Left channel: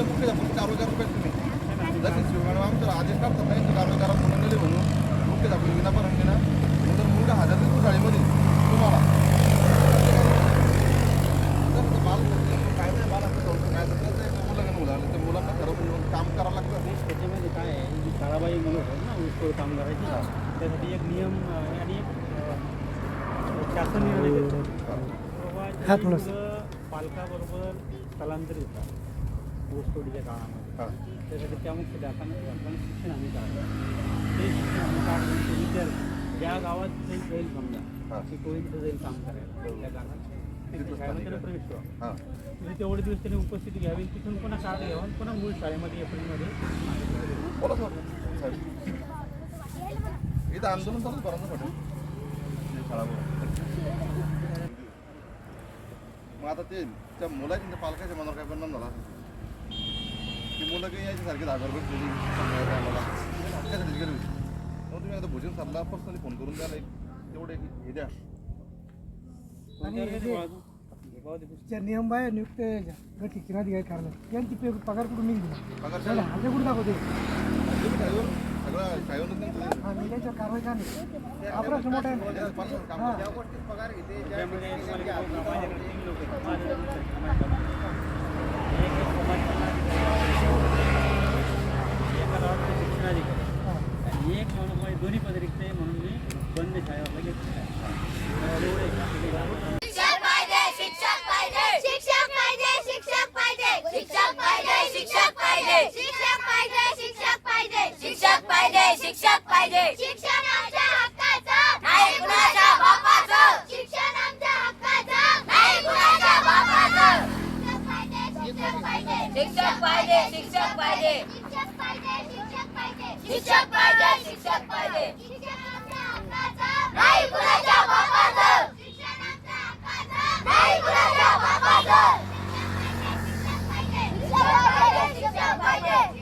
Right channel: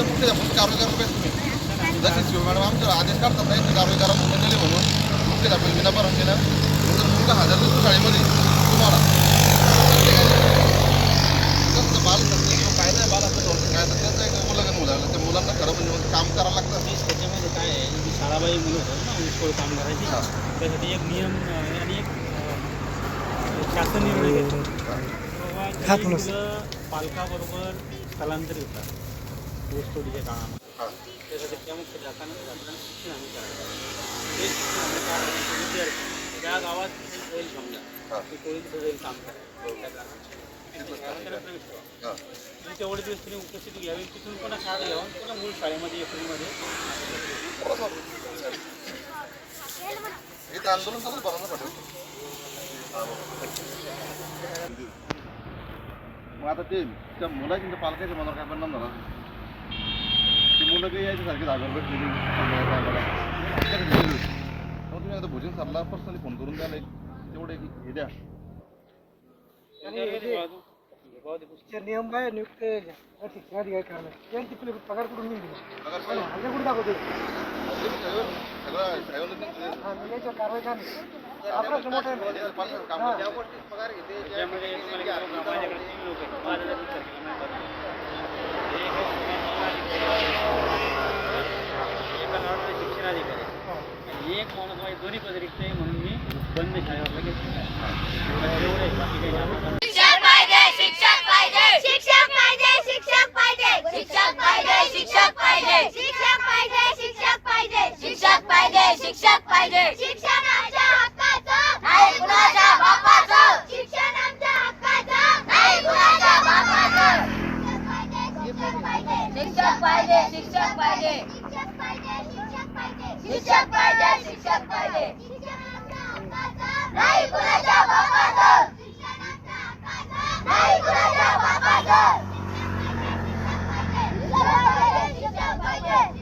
तर कुठे आपण कारवाई करायला पाहिजे जसे शिव मॅडम आमच्या आदेश काढतात नाही तर कारवाई करा म्हणून. गेले म्हणून मुख्यच आपण विनापरण केलं तर मुलगा हजार दिवस शाळेमध्ये तुम्हाला. कसं बाल किंवा काय नाही बाल असं डॉक्टर काय तर त्याचं एक मुलाकडे मुलं त्या मुलांना खरं म्हणजे काम करावं लागतं. वीस त्याच्यामध्ये काय आहे मी शाळाबाई मुलं होतात ना वीसकोळ काम करायची त्यासाठी एक नियम आणि एक शासन निर्णय घेतो बाबा पालकाबरोबर स्थलांतर होतात. વસ્તુડી કારણ હા या गावात होईल समजा की कोळी काम करायला त्या गावात प्रवेश ठेवा तेवढे दिवस त्यांनी उपस्थिती घ्यावी तिथून पुन्हा शाळा घ्यावा पुन्हा मूळ शाळेमध्ये एप्रिलमध्ये आंदोलन चालू बरं पडेल मग आता ते त्या मुलाच्या पालकाच्या मनावर काय परिणाम झाला मुलं काही यायचे ट्रेनिंग सांगायचं तुम्ही आता भोजन सामला पर्सनली फोन करून द्या नाही. तेवढे हे द्या. नियम आहे नियुक्त गटीची अधिकारी करणार त्यांची पगार कुठून निघून पगार सांगा हल्ले कुठे दाखवतो याच्या कारवाई का नाही आपला एकाला ऑर्डर शिक्षण अधिकारी आणि एक माणूस माझी दोन्ही पद रिक्त आहे म्हणून मी बंद शाळेवर घेतलेला आहे एवढं आहे बाकी काही आपल्याला शिक्षक पाहिजे शिक्षक पाहिजे शिक्षक पाहिजे शिक्षक पाहिजे शिक्षक पाहिजे शिक्षक पाहिजे. शिक्षक पाहिजे शिक्षक पाहिजे. शिक्षक पाहिजे शिक्षक पाहिजे शिक्षण आमच्या हक्काचं नाही कुणाच्या बापाचं. नाही कुणाच्या बापाचं. शिक्षक पाहिजे शिक्षक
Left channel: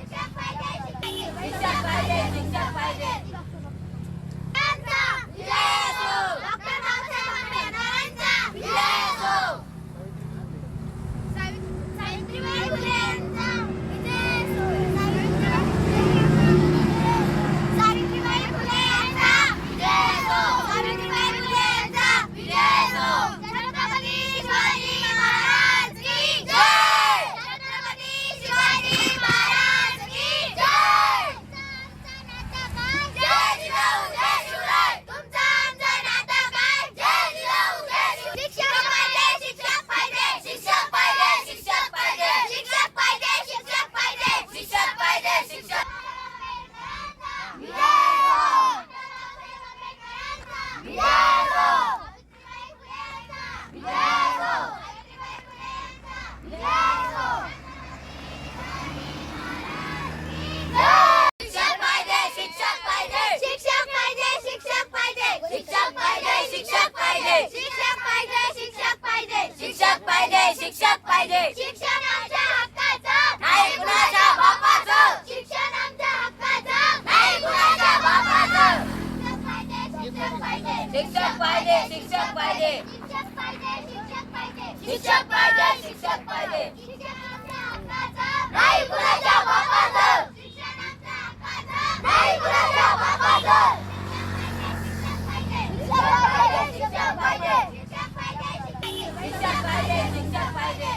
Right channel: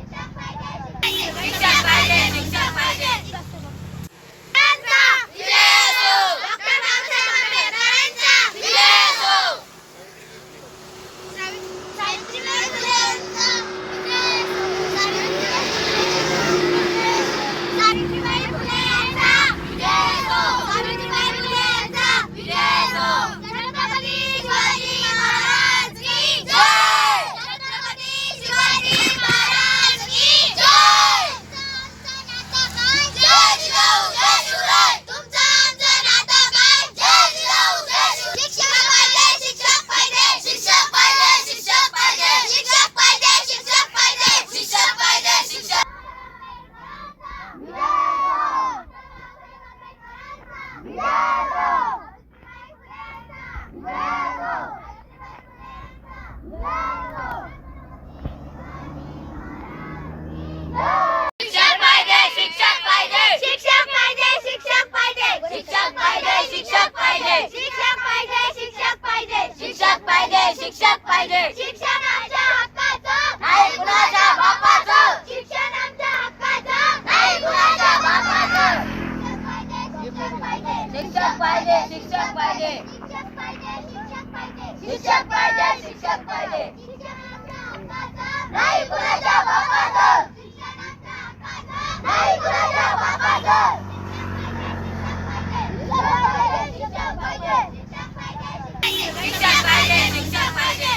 पाहिजे. शिक्षण आमच्या हक्काचं. नाही कुणाच्या बापाचं. शिक्षण आमच्या हक्काचं. नाही कुणाच्या बापाचं. शिक्षक पाहिजे. शिक्षक पाहिजे शिक्षक पाहिजे. शिक्षक पाहिजे शिक्षक पाहिजे. शिक्षक पाहिजे शिक्षक पाहिजे. शिक्षण आमच्या हक्काचं. नाही कुणाच्या बापाचं. नाही कुणाच्या बापाचं. शिक्षक पाहिजे शिक्षक पाहिजे. शिक्षक पाहिजे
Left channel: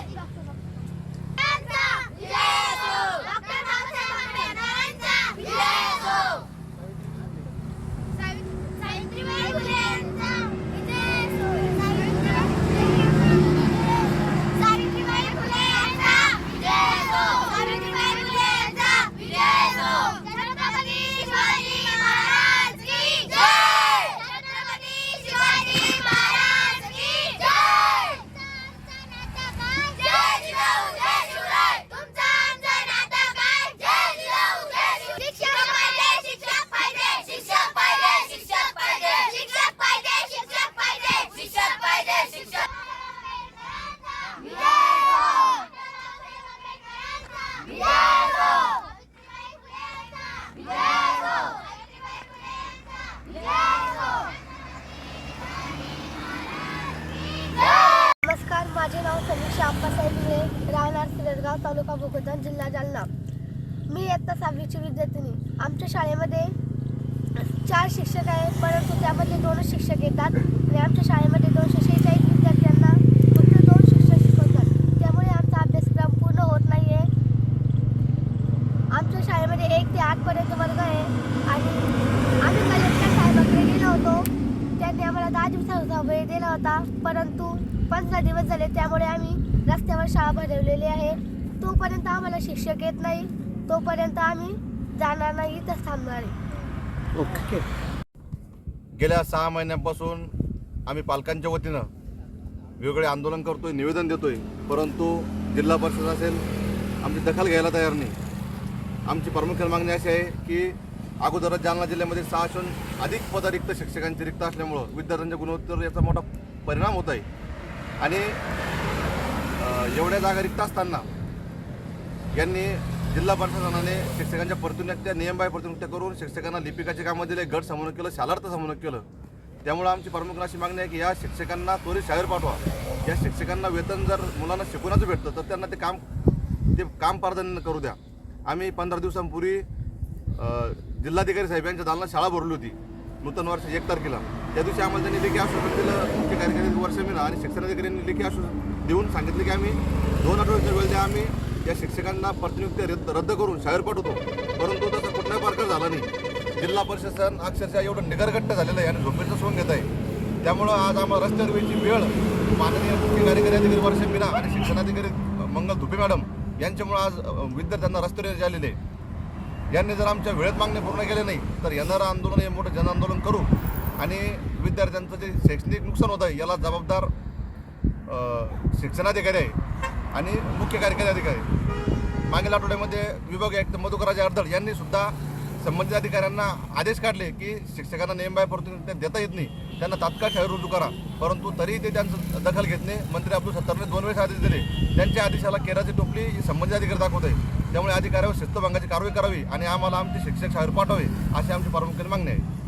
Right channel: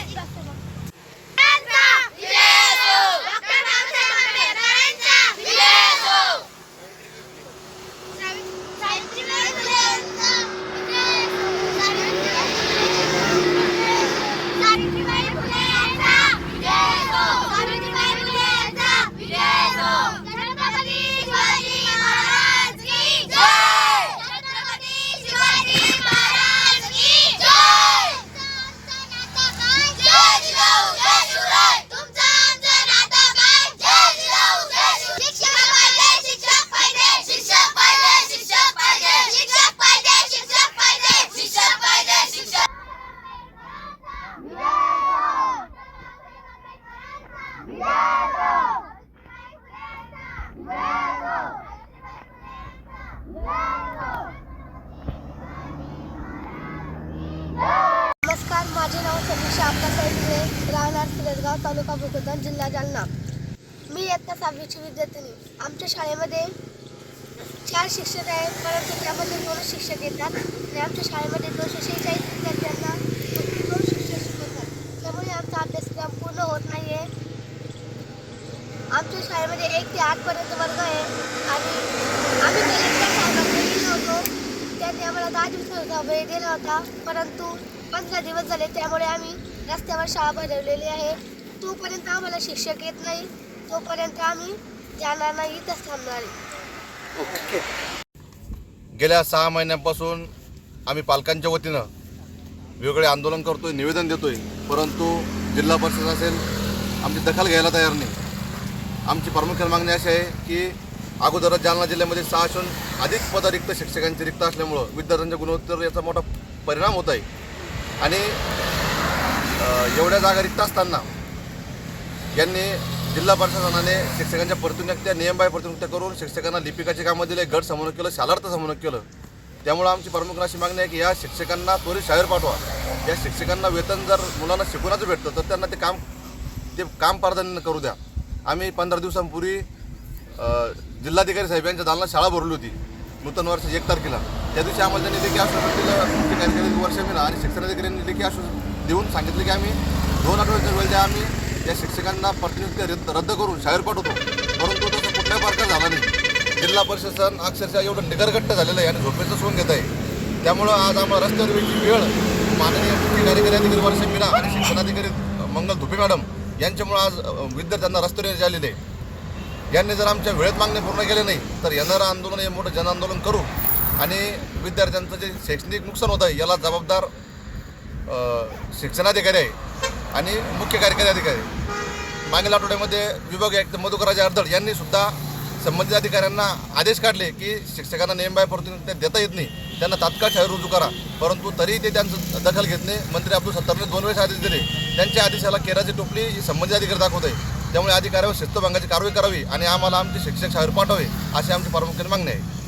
विजय असो. डॉक्टर बाबासाहेब आंबेडकरांचा विजय असो. सावित्रीबाई फुले यांचा विजय असो. सावित्रीबाई फुले यांचा विजय असो. सावित्रीबाई फुले यांचा विजय असो. छत्रपती शिवाजी महाराज की जय. छत्रपती शिवाजी महाराज की जय. जय जिजाऊ, जय शिवराय. तुमचं आमचं नातं काय? जय जिजाऊ, जय शिवराय. शिक्षक पाहिजे, शिक्षक पाहिजे, शिक्षक पाहिजे, शिक्षक पाहिजे, शिक्षक पाहिजे, शिक्षक पाहिजे, शिक्षक पाहिजे, शिक्षक नमस्कार माझे नाव समीक्षा आप्पासाहेब मुळे राहणार सिरसगाव तालुका भोकरदन जिल्हा जालना. मी इयत्ता सहावीची विद्यार्थिनी. आमच्या शाळेमध्ये चार शिक्षक आहेत परंतु त्यामध्ये दोन शिक्षक येतात आणि आमच्या शाळेमध्ये दोनशे शेहेचाळीस विद्यार्थ्यांना फक्त दोन शिक्षक शिकवतात. त्यामुळे आमचा अभ्यासक्रम पूर्ण होत नाही आहे आमच्या शाळेमध्ये एक ते आठपर्यंत वर्ग आहे आणि आम्ही कलेक्टर साहेबांकडे गेलो होतो. त्यांनी आम्हाला दहा दिवसाचा वेळ दिला होता परंतु पंधरा दिवस झाले त्यामुळे आम्ही रस्त्यावर शाळा भरवलेली आहे. तोपर्यंत आम्हाला शिक्षक येत नाही. तोपर्यंत आम्ही जाणार नाही इथंच थांबणार आहे. गेल्या सहा महिन्यांपासून आम्ही पालकांच्या वतीनं वेगवेगळे आंदोलन करतोय निवेदन देतोय. परंतु जिल्हा परिषद असेल आमची दखल घ्यायला तयार नाही. आमची प्रामुख्याने मागणी अशी आहे की अगोदरच जालना जिल्ह्यामध्ये सहाशून अधिक पद रिक्त शिक्षकांची रिक्त असल्यामुळं विद्यार्थ्यांच्या गुणवत्तेवर याचा मोठा परिणाम होत आहे. आणि एवढ्या जागा रिक्त असताना यांनी जिल्हा प्रशासनाने शिक्षकांच्या प्रतिनियुक्त्या नियमबाह्य प्रतिनियुक्त्या करून शिक्षकांना लिपिकाचे कामं दिले गट समन्वय केलं शालार्थ समन्वय केलं. त्यामुळं आमची प्रमुख अशी मागणी आहे की या शिक्षकांना त्वरित शाळेवर पाठवा. या शिक्षकांना वेतन जर मुलांना शिकवण्याचं भेटतं तर त्यांना ते काम ते काम प्राधान्य करू द्या. आम्ही पंधरा दिवसांपूर्वी जिल्हाधिकारी साहेब यांच्या दालनात शाळा भरली होती नूतन वर्षाची एक तारखेला. त्या दिवशी आम्हाला त्यांनी लेखी आश्वासन दिलं मुख्य कार्यकारी वर्ष मिळा आणि शिक्षणाधिकाऱ्यांनी लेखी आश्वासन देऊन सांगितलं की आम्ही दोन आठवड्याच्या वेळ द्या आम्ही. या शिक्षकांना प्रतिनियुक्ती रद्द रद्द करून शाळेवर पाठवतो. परंतु तसं कुठल्याही प्रकार झाला नाही. जिल्हा प्रशासन अक्षरशः एवढं निगरगट्ट झालेलं आहे आणि झोपेचं सोंग घेत आहे. त्यामुळं आज आम्हाला रस्त्यावर वेळची वेळ. माननीय मुख्य कार्यकारी अधिकारी वर्ष मीना आणि शिक्षणाधिकारी मंगल धुपे मॅडम यांच्यामुळं आज विद्यार्थ्यांना रस्त्यावर येण्याचे आलेले आहे. यांनी जर आमच्या वेळेत मागणी पूर्ण केले नाही तर येणारं आंदोलन हे मोठं जनआंदोलन करू आणि विद्यार्थ्यांचं जे शैक्षणिक नुकसान होत आहे याला जबाबदार शिक्षणाधिकारी आहे. आणि मुख्य कार्यकारी अधिकारी. मागील आठवड्यामध्ये विभाग आयुक्त मधुकराजे अर्धड यांनी सुद्धा संबंधित अधिकाऱ्यांना आदेश काढले की शिक्षकांना नेमबाय प्रतिनिधी देता येत नाही. त्यांना तात्काळ शाळेत रुजू करा. परंतु तरीही ते त्यांचं दखल घेत नाही. मंत्री अब्दुल सत्तारने दोन वेळेस आदेश दिले. त्यांच्या आदेशाला केराची टोपली ही संबंधित अधिकारी दाखवत आहे. त्यामुळे अधिकाऱ्यावर शिस्तभंगाची कारवाई करावी आणि आम्हाला आमचे शिक्षक शाळेवर पाठवावे अशी आमची प्रामुख्याने मागणी आहे.